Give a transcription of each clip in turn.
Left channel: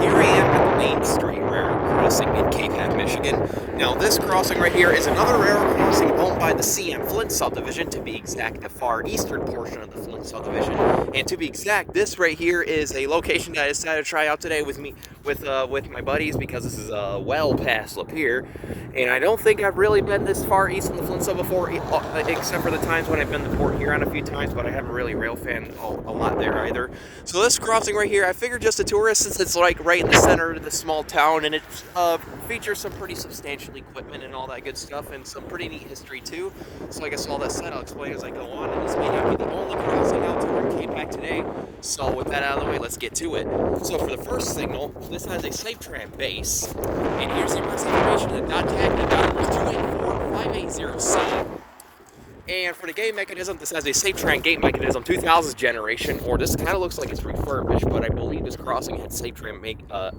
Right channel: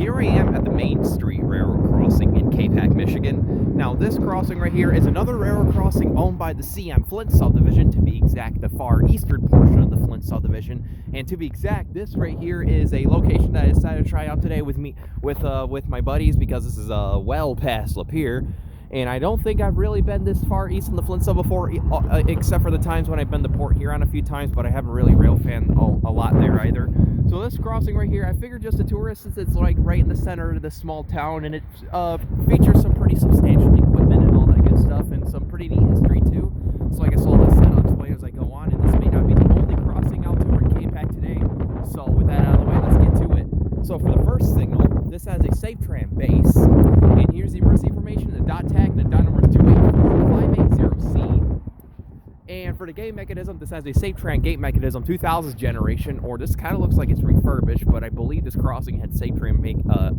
Here I am at the Main Street Railroad Crossing in Capac, Michigan. Now, this crossing right here is another railroad crossing owned by the C.M. Flint subdivision, to be exact, the far eastern portion of the Flint subdivision. And to be exact, this right here is a location that I decided to try out today with my buddies, because this is well past Lapeer. And I don't think I've really been this far east in the Flint sub before, except for the times when I've been to Port Huron a few times, but I haven't really rail fan a lot there either. So this crossing right here, I figured just a tourist, since it's like right in the center of this small town, and it features some pretty substantial equipment and all that good stuff, and some pretty neat history too. So I guess all that said, I'll explain as I go on, and this may not be the only crossing out here in Capac today. So with that out of the way, let's get to it. So for the first signal, this has a SafeTran base, and here's the emergency information. The dot tag, the dot number is 284580C. And for the gate mechanism, this has a SafeTran gate mechanism 2000s generation, or this kind of looks like it's refurbished, but I believe this crossing had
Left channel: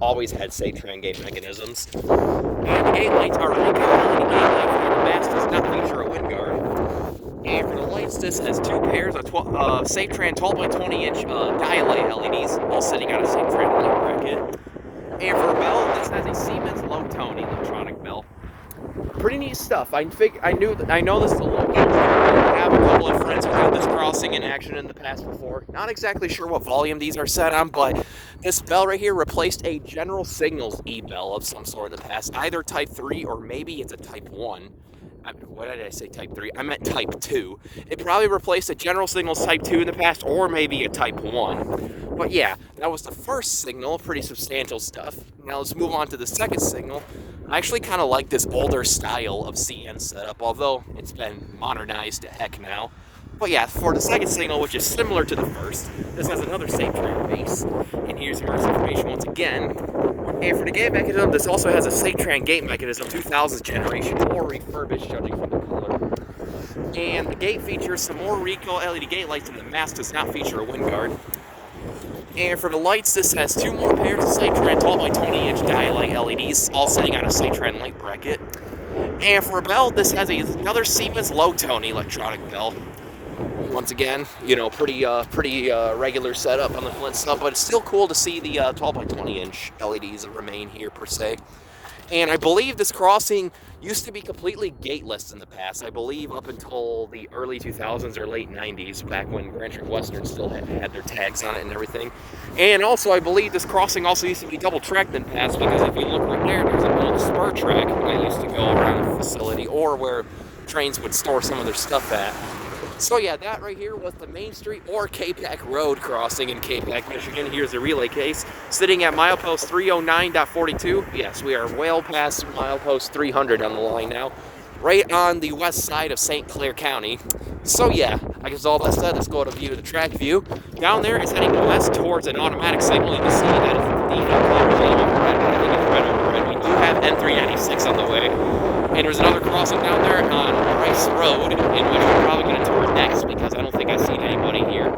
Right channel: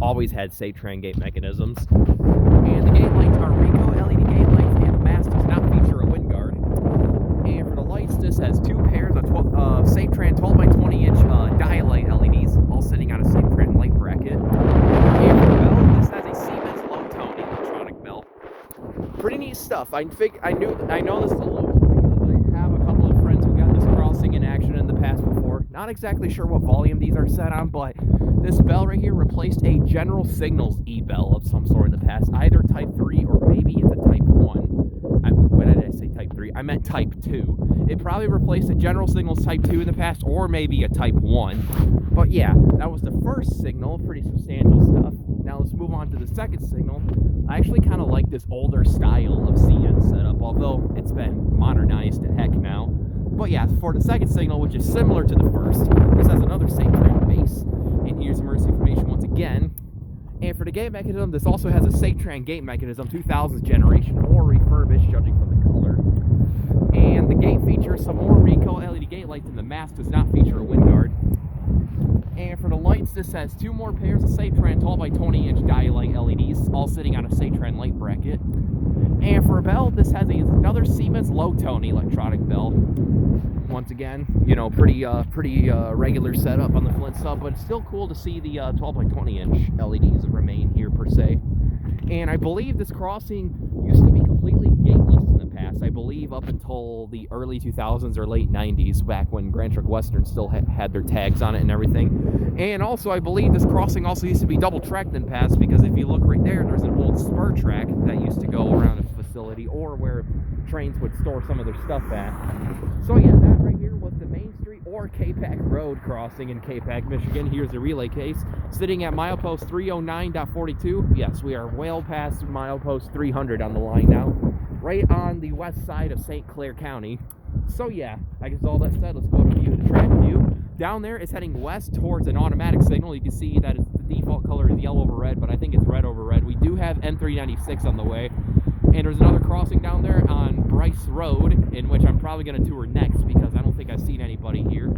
always had SafeTran gate mechanisms. And the gate lights are Ricoh LED gate lights, and the mast does not feature a wind guard. And for the lights, this has two pairs of SafeTran 12 by 20 inch dialight LEDs, all sitting on a SafeTran light bracket. And for a bell, this has a Siemens low tone electronic bell. Pretty neat stuff. I know this is a local. I have a couple of friends who got this crossing in action in the past before. Not exactly sure what volume these are set on, but this bell right here replaced a General Signals e-bell of some sort in the past, either Type 3 or maybe it's a Type 1. Why did I say Type 3? I meant Type 2. It probably replaced a General Signals Type 2 in the past, or maybe a Type 1. But yeah, that was the first signal. Pretty substantial stuff. Now let's move on to the second signal. I actually kind of like this older style of CN setup, although it's been modernized to heck now. But yeah, for the second signal, which is similar to the first, this has another SafeTran base. And here's emergency information once again. And for the gate mechanism, this also has a SafeTran gate mechanism 2000s generation, or refurbished, judging from the color. And the gate features some more Ricoh LED gate lights, and the mast does not feature a wind guard. And for the lights, this has two more pairs of SafeTran 12 by 20 inch dialight LEDs, all sitting on a SafeTran light bracket. And for a bell, this has another Siemens low tone electronic bell. Once again, pretty regular setup on the Flint sub, but it's still cool to see the 12 by 20 inch LEDs that remain here per se. And I believe this crossing used to be completely gateless in the past. I believe up until the early 2000s or late 90s, back when Grand Trunk Western still had their tags on it and everything. And also, I believe this crossing also used to be double tracked in the past, because if you look right there's an old spur track that used to go around the facility, or where trains would store some of their stuff at. So yeah, that right here was the Main Street or Capac Road crossing in Capac, Michigan. Here's the relay case, sitting at milepost 309.42. Yes, we are well past milepost 300 on the line now, right on the west side of St. Clair County. So yeah, I guess all that said, let's go to view the track view. Down there is heading west towards an automatic signal. You can see that it's the default color yellow over red, but I think it's red over red. We do have N396 on the way. And there's another crossing down there on Rice Road, in which we're probably going to tour next, because I don't think I've seen anybody here.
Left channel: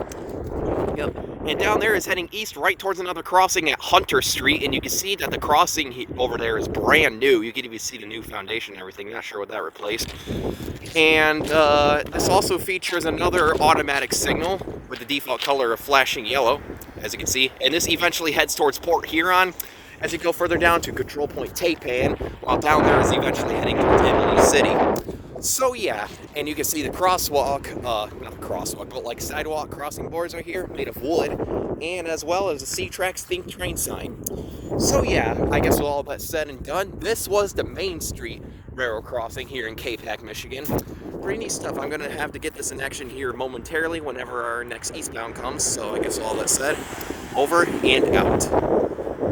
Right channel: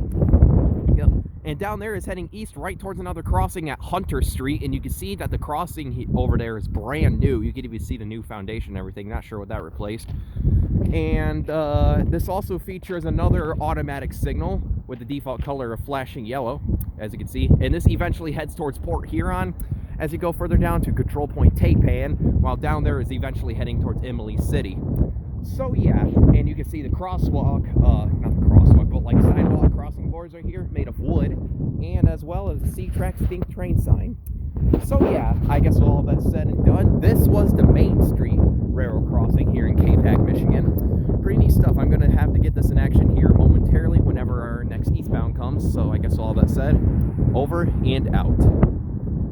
Yep. And down there is heading east right towards another crossing at Hunter Street, and you can see that the crossing over there is brand new. You can even see the new foundation and everything. Not sure what that replaced. And this also features another automatic signal with the default color of flashing yellow, as you can see. And this eventually heads towards Port Huron as you go further down to Control Point Tapan, while down there is eventually heading towards Imlay City. So yeah, and you can see the crosswalk, not the crosswalk, but like sidewalk crossing boards right here, made of wood, and as well as the C-Tracks Think Train sign. So yeah, I guess with all that said and done, this was the Main Street Railroad crossing here in Capac, Michigan. Pretty neat stuff. I'm going to have to get this in action here momentarily whenever our next eastbound comes. So I guess all that said, over and out.